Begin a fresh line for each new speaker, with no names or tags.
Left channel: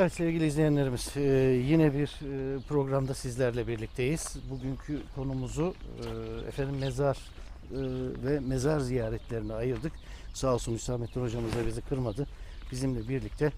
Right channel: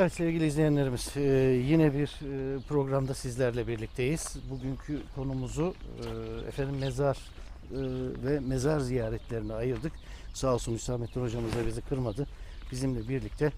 Evet sevgili izleyenlerimiz e, yine bir e, programda sizlerle birlikteyiz. Bugünkü konumuzu e, efendim mezar ve mezar ziyaretlerine ayırdık. Sağ olsun Hüsamettin hocamız da bizi kırmadı. Bizimle birlikte